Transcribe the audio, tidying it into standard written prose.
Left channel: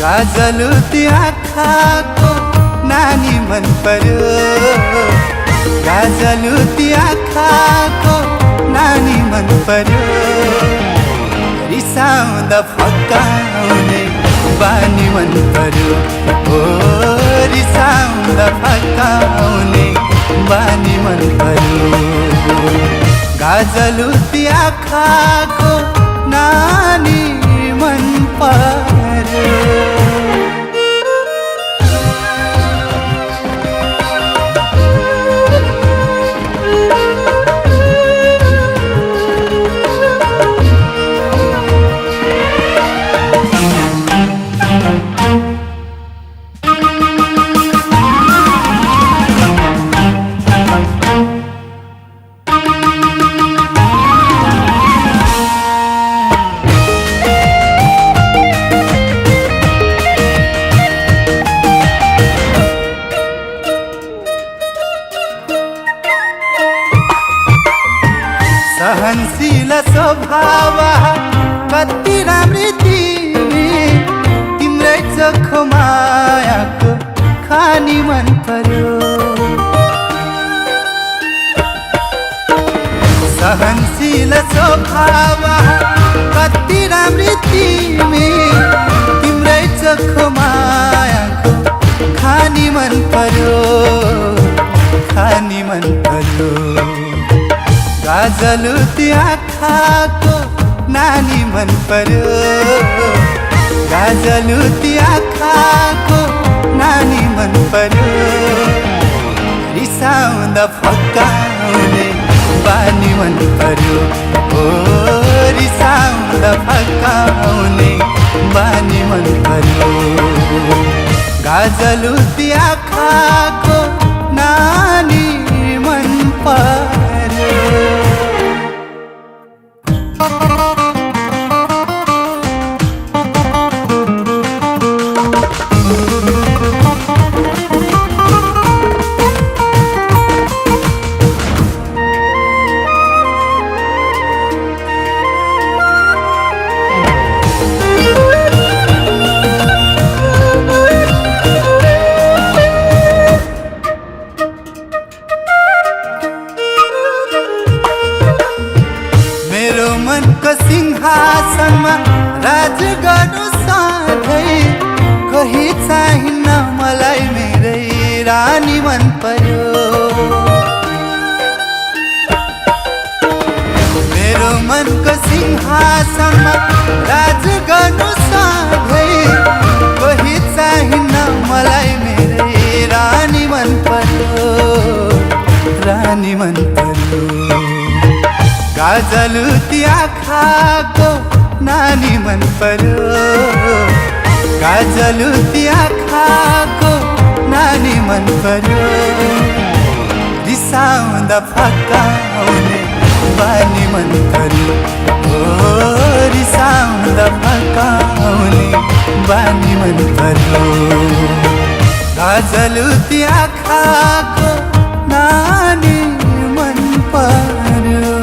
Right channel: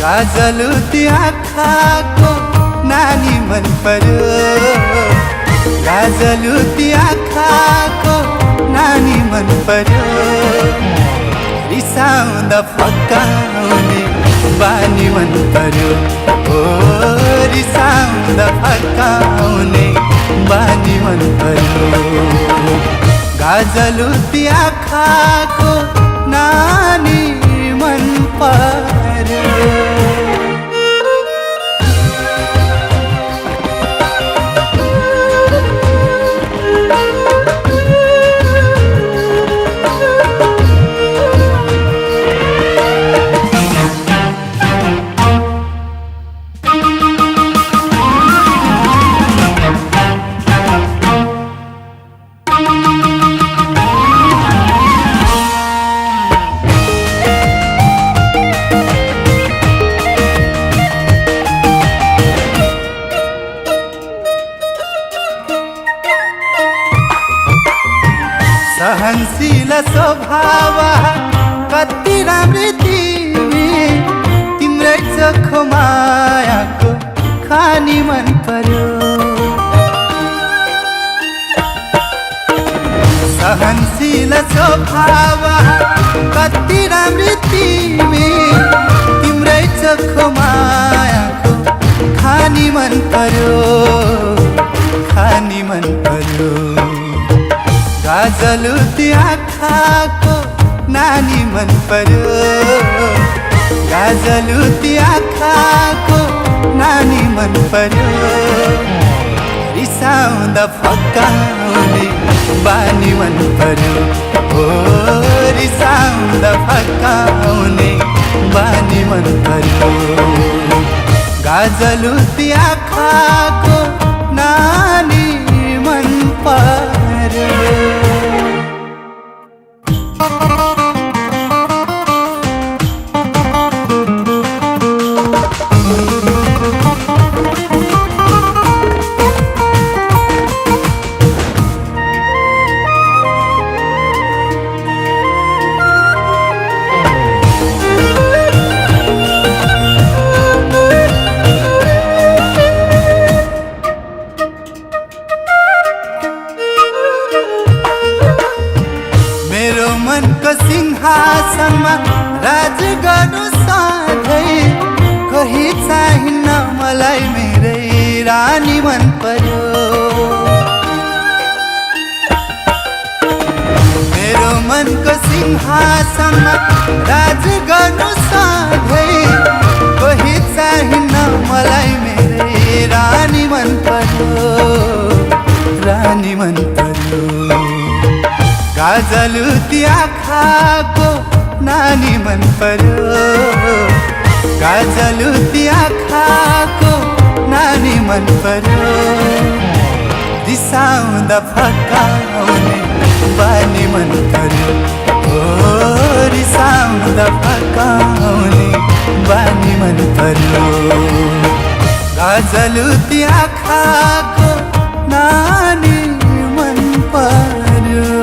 गाजलुती आँखाको नानी मन पर्यो, गाजलुती आँखाको नानी मन पर्यो। रिसाउँदा फकाउने बानी मन पर्यो, ओ रिसाउँदा फकाउने बानी मन पर्यो। गाजलुती आँखाको नानी मन पर्यो। सहनशील स्वभाव कति राम्री तिमी, तिम्रै चोखो मायाको खानी मन पर्यो। सहनशील स्वभाव कति राम्री तिमी, तिम्रै चोखो मायाको खानी मन पर्यो, खानी मन पर्यो। गाजलुती आँखाको नानी मन पर्यो, गाजलुती आँखाको नानी मन पर्यो। रिसाउँदा फकाउने बानी मन पर्यो, ओ रिसाउँदा फकाउने बानी मन पर्यो। गाजलुती आँखाको नानी मन पर्यो। मेरो मनको सिंहासनमा राज गर्नु सधैँ, कही चाहिन्न मलाई मेरै रानी मन पर्यो। मेरो मनको सिंहासनमा राज गर्नु सधैँ, कही चाहिन्न मलाई मेरै रानी मन पर्यो, रानी मन पर्यो। गाजलुती आँखाको नानी मन पर्यो, गाजलुती आँखाको नानी मन पर्यो। रिसाउँदा फकाउने बानी मन पर्यो, ओ रिसाउँदा फकाउने बानी मन पर्यो। गाजलुती आँखाको नानी मन पर्यो।